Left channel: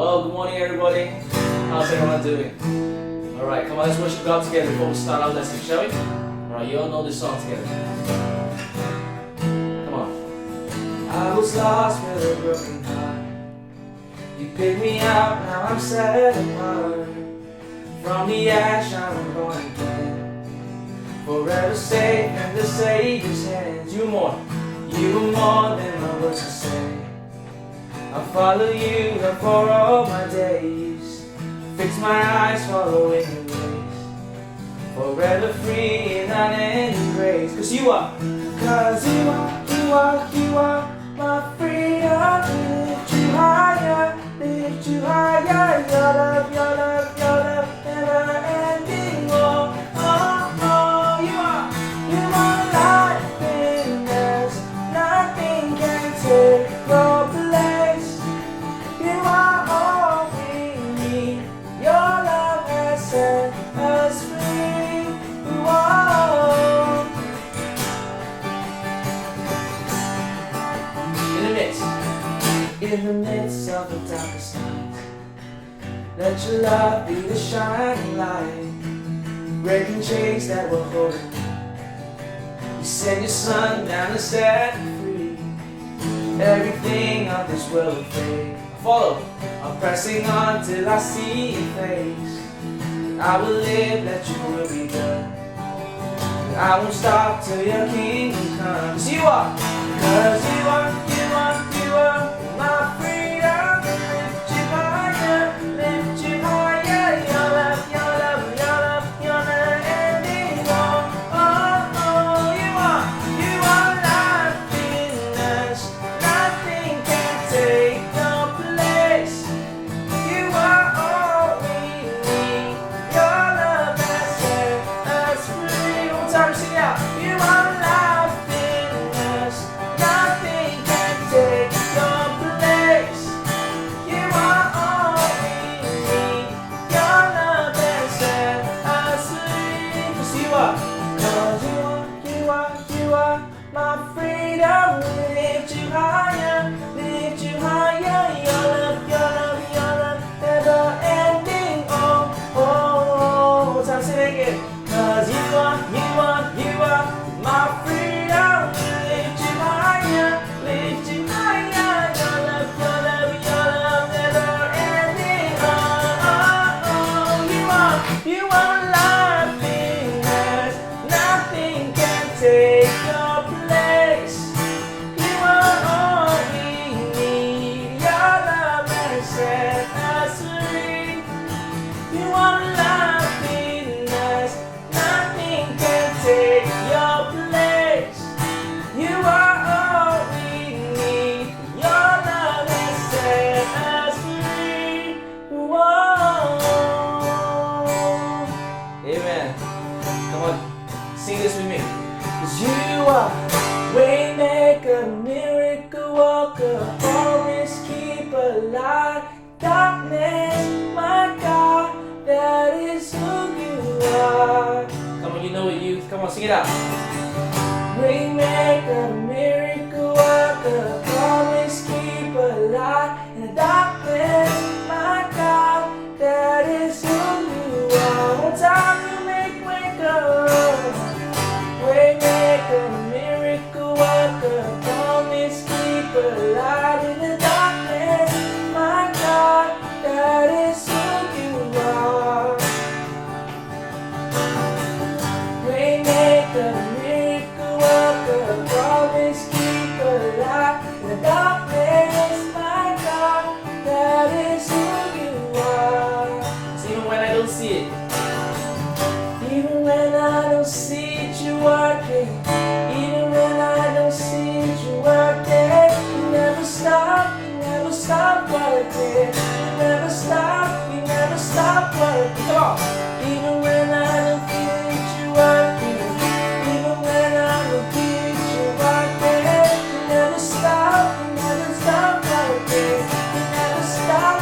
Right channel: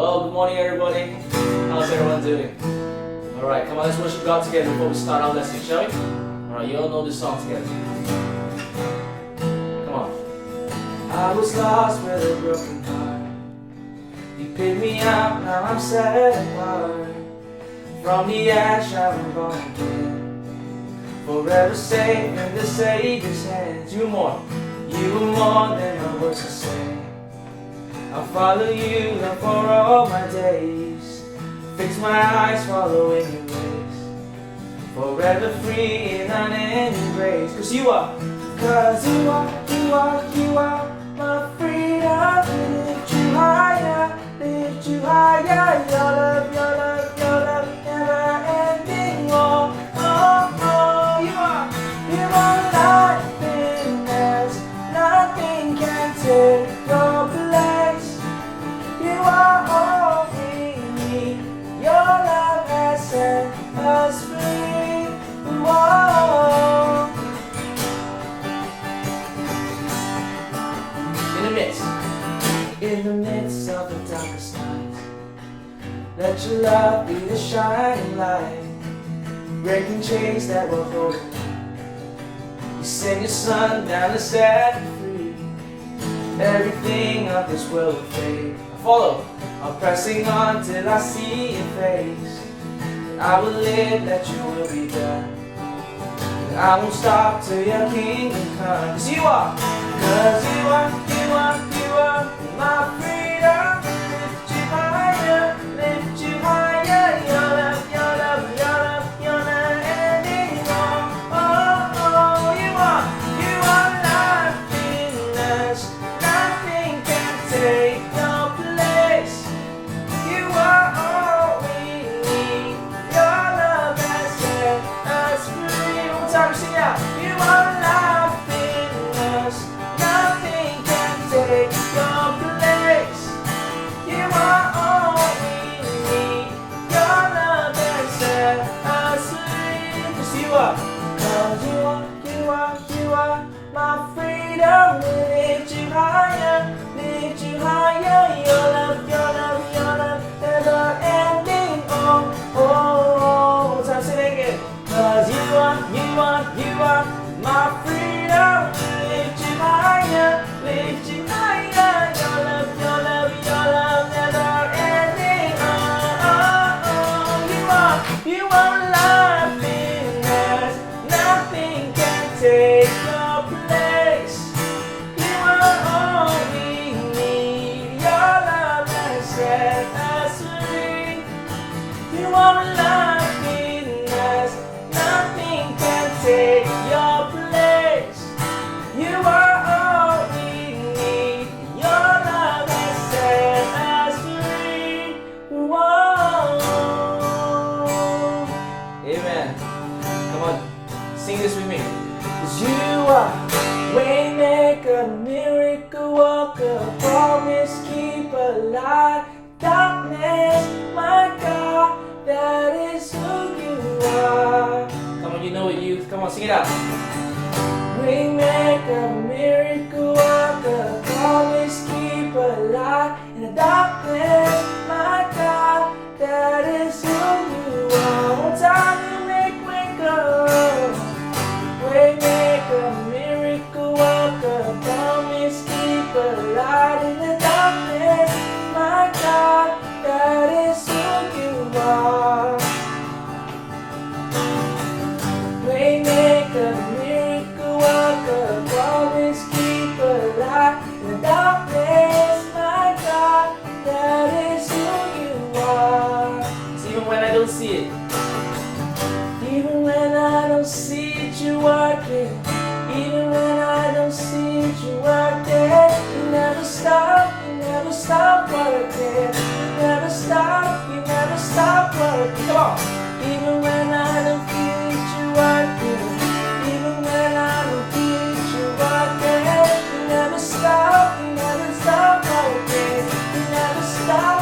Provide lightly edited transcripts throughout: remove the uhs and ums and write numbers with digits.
Well, good morning everybody. How's everyone doing? Alright, come on, let's worship God together before we start our lesson, shall we? Alright, you all know this song together. Come on. I was lost with a broken heart. You picked me out, now I'm set apart. From the ash I'm born again. Forever safe in the Savior's hands. You were more than my words to say. I'll follow you for all my days. Fix my eyes following your ways. Forever free in unending grace. Cause you are my freedom. Lift you higher, lift you higher. Your love, your love, your love, never ending. Oh, oh, oh, you are life in us. Nothing can take your place. You are all we need. Your love has set us free. Whoa. In the midst of the darkest night, let your love be the shining light, breaking chains that were holding me. You send your son down to set me free. Everything of this world will fade. Follow, I'm pressing on till I see your face. I will live, that your will be done. I won't stop till your kingdom comes. You are my freedom. Lift you higher, lift you higher. Your love, your love, your love, your never ending. Oh, oh, oh, you are life in us. Nothing can take your place. You are all we need. Your love has set us free. One time, sing out. You are life in us. Nothing can take your place. You are all we need. Your love has set us free. Cause you are my freedom. Lift you higher, lift you higher. Your love, your love, your love, never ending. Oh, oh, oh. One time, say it again. Cause you are my freedom. Lift you higher, lift you higher. Your love, your love, your love, never ending. Oh, oh, oh. You are life in us. Nothing can take your place. You are all we need. Your love has set us free. You are life in us. Nothing can take your place. You are all we need. Your love has set us free. Whoa. Amen. Come on, sing this with me. Cause you are waymaker, miracle worker, promise keeper, light, darkness, my God, that is who you are. Come on, you know it, youth. Come on, sing it out. Waymaker, miracle worker, promise keeper, light in the darkness, my God, that is who you are. One time you make waymaker, miracle worker, promise keeper, light in the darkness, my God, that is who you are. Waymaker, miracle worker, promise keeper, light in the darkness, my God, that is who you are. So even when I don't see it, even when I don't see it, you're working. Even when I don't see it, you're working. You never stop working. You never stop working. Come on. Even when I don't feel it, you're working. Even when I don't feel it, you're working. You never stop working. You never stop.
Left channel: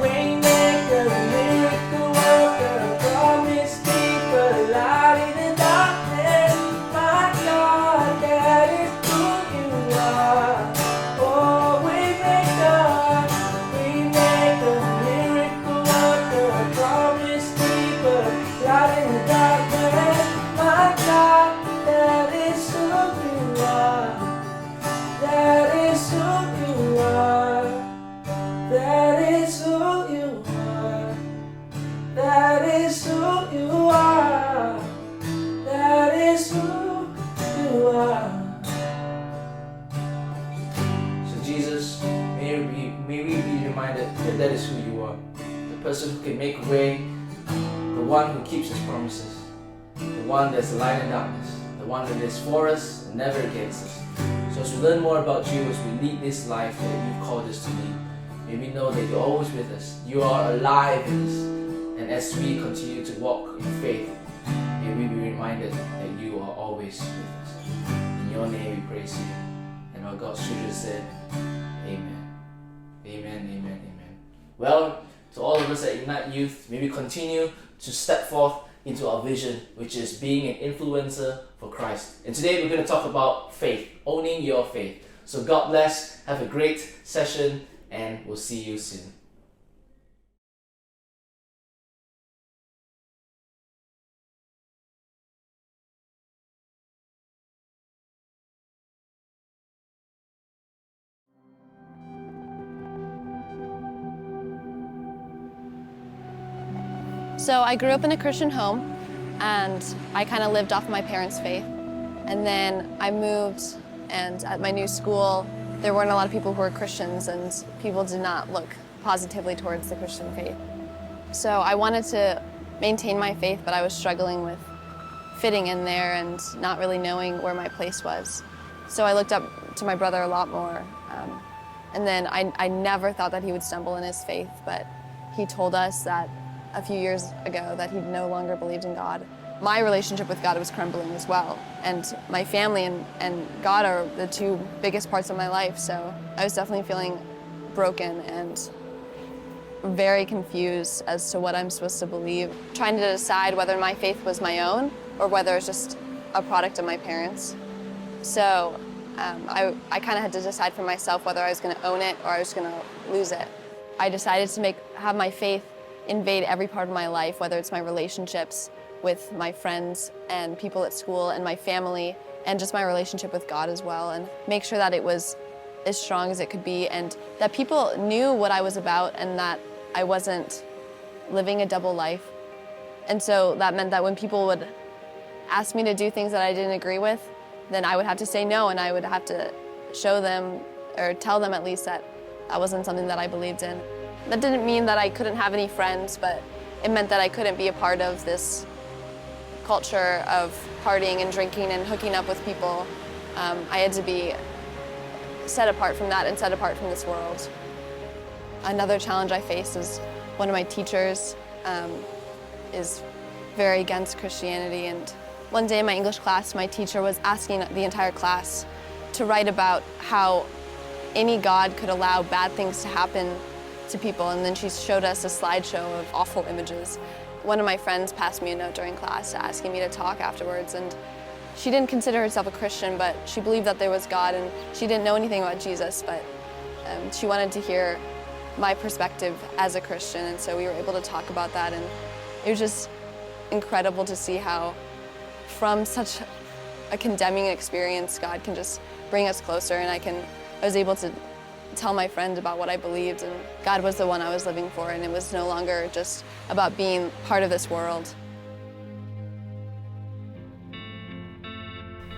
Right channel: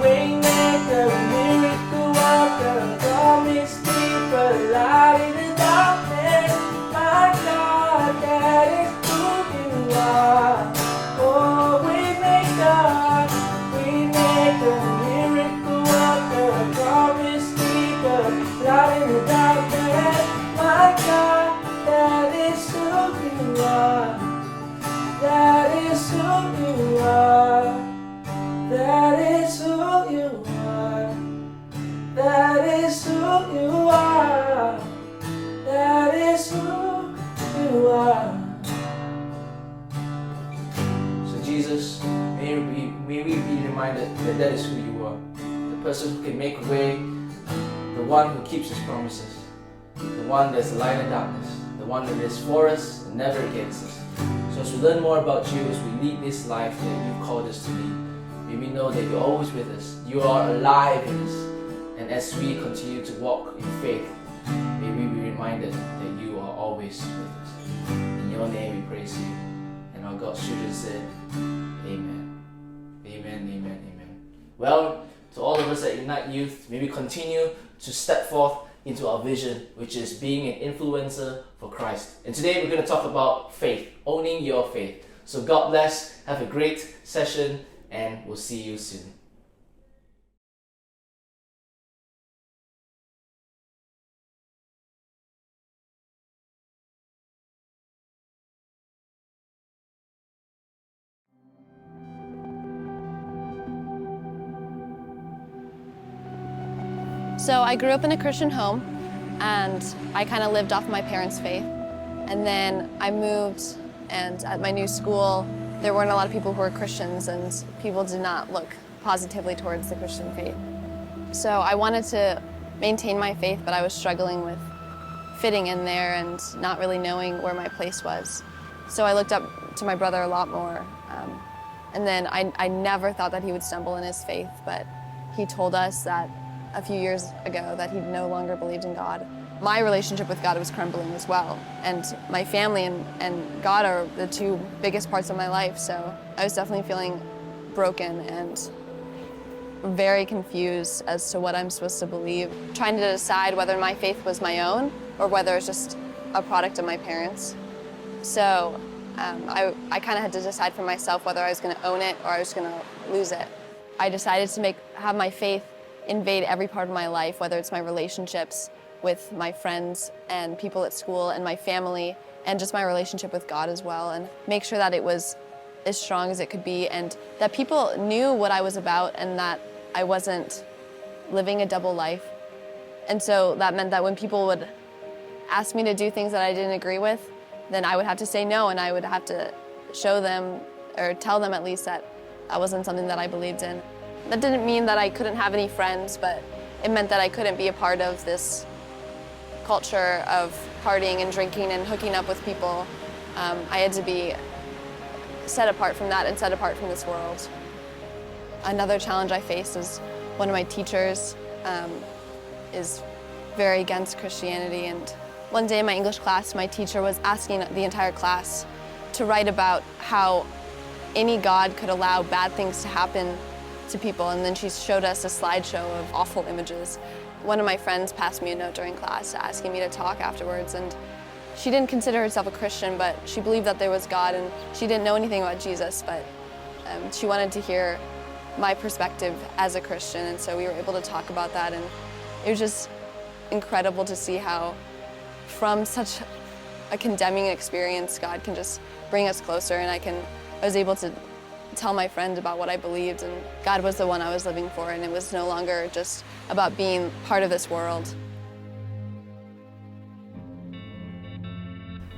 Waymaker, miracle worker, promise keeper, light in the darkness, my God, that is who you are. Oh, Waymaker. Jesus, may we be reminded that that is who you are. The person who can make a way, the one who keeps his promises, the one that's light in darkness, the one that is for us and never against us. So as we learn more about you, as we lead this life that you've called us to lead, may we know that you're always with us. You are alive in us. And as we continue to walk in faith, may we be reminded that you are always with us. In your name we praise you. And our God's children said, Amen. Amen, amen, amen. Well, to all of us at Ignite Youth, may we continue to step forth into our vision, which is being an influencer for Christ. And today we're going to talk about faith, owning your faith. So God bless, have a great session, and we'll see you soon. So I grew up in a Christian home, and I kind of lived off my parents' faith. And then I moved, and at my new school, there weren't a lot of people who were Christians, and people did not look positively towards the Christian faith. So I wanted to maintain my faith, but I was struggling with fitting in there and not really knowing where my place was. So I looked up to my brother a lot more. And then I never thought that he would stumble in his faith, but he told us that a few years ago that he no longer believed in God. My relationship with God was crumbling as well, and my family and God are the two biggest parts of my life, so I was definitely feeling broken and very confused as to what I'm supposed to believe, trying to decide whether my faith was my own or whether it's just a product of my parents. So I kind of had to decide for myself whether I was going to own it or I was going to lose it. I decided to have my faith invade every part of my life, whether it's my relationships with my friends and people at school and my family, and just my relationship with God as well, and make sure that it was as strong as it could be, and that people knew what I was about and that I wasn't living a double life. And so that meant that when people would ask me to do things that I didn't agree with, then I would have to say no, and I would have to show them, or tell them at least, that that wasn't something that I believed in. That didn't mean that I couldn't have any friends, but it meant that I couldn't be a part of this culture of partying and drinking and hooking up with people. I had to be set apart from that and set apart from this world. Another challenge I faced is one of my teachers is very against Christianity, and one day in my English class, my teacher was asking the entire class to write about how any God could allow bad things to happen to people, and then she showed us a slideshow of awful images. One of my friends passed me a note during class asking me to talk afterwards, and she didn't consider herself a Christian, but she believed that there was God, and she didn't know anything about Jesus, but she wanted to hear my perspective as a Christian, and so we were able to talk about that, and it was just incredible to see how from such a condemning experience, God can just bring us closer, and I was able to tell my friends about what I believed, and God was the one I was living for, and it was no longer just about being part of this world.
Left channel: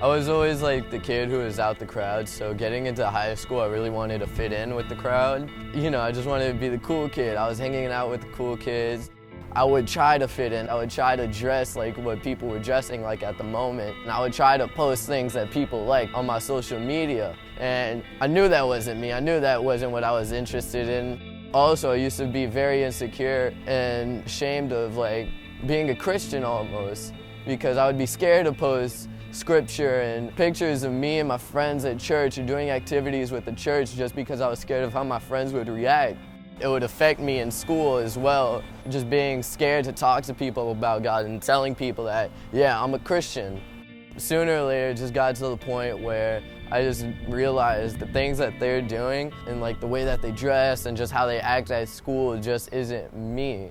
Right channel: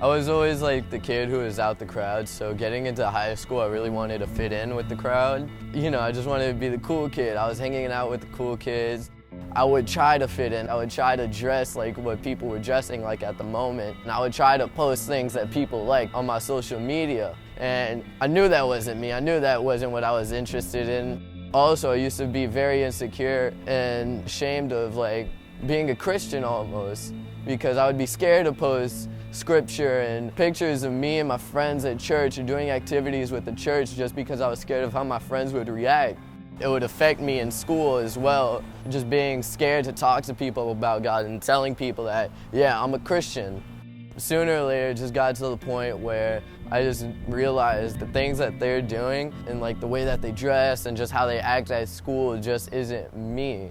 I was always like the kid who was out the crowd, so getting into high school, I really wanted to fit in with the crowd. You know, I just wanted to be the cool kid. I was hanging out with the cool kids. I would try to fit in. I would try to dress like what people were dressing like at the moment. And I would try to post things that people like on my social media. And I knew that wasn't me. I knew that wasn't what I was interested in. Also, I used to be very insecure and ashamed of like being a Christian almost, because I would be scared to post scripture and pictures of me and my friends at church or doing activities with the church just because I was scared of how my friends would react. It would affect me in school as well, just being scared to talk to people about God and telling people that, yeah, I'm a Christian. Sooner or later, it just got to the point where I just realized the things that they're doing and like the way that they dress and just how they act at school just isn't me.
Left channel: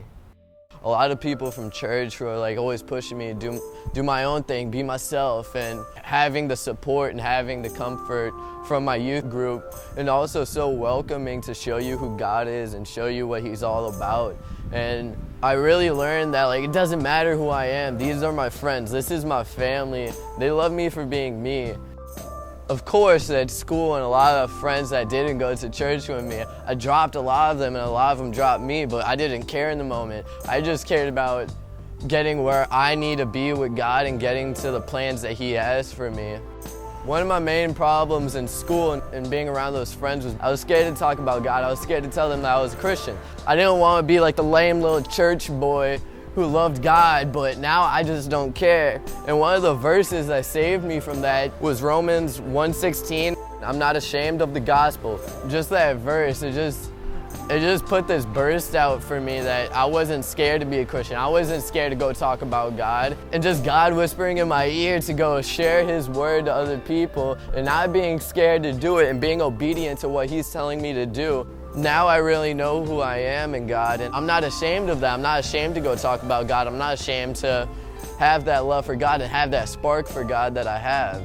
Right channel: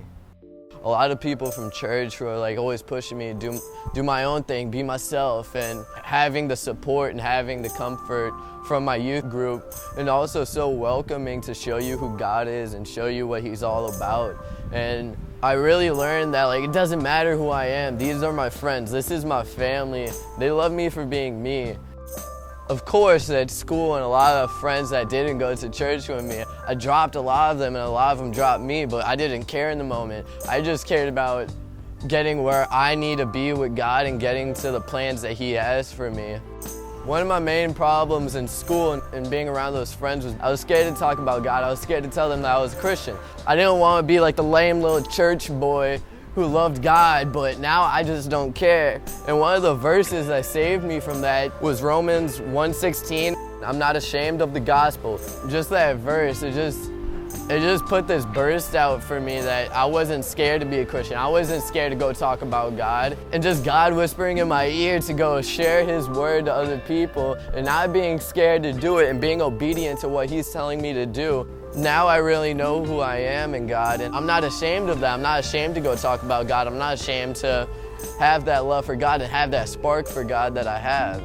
A lot of people from church who are like always pushing me to do my own thing, be myself, and having the support and having the comfort from my youth group, and also so welcoming to show you who God is and show you what He's all about. And I really learned that like it doesn't matter who I am. These are my friends. This is my family. They love me for being me. Of course, at school and a lot of friends that didn't go to church with me, I dropped a lot of them and a lot of them dropped me, but I didn't care in the moment. I just cared about getting where I need to be with God and getting to the plans that He has for me. One of my main problems in school and being around those friends was I was scared to talk about God. I was scared to tell them that I was a Christian. I didn't want to be like the lame little church boy who loved God, but now I just don't care. And one of the verses that saved me from that was Romans 1:16. I'm not ashamed of the gospel. Just that verse, it just put this burst out for me that I wasn't scared to be a Christian. I wasn't scared to go talk about God. And just God whispering in my ear to go share His word to other people and not being scared to do it and being obedient to what He's telling me to do. Now I really know who I am in God, and I'm not ashamed of that. I'm not ashamed to go talk about God. I'm not ashamed to have that love for God and have that spark for God that I have.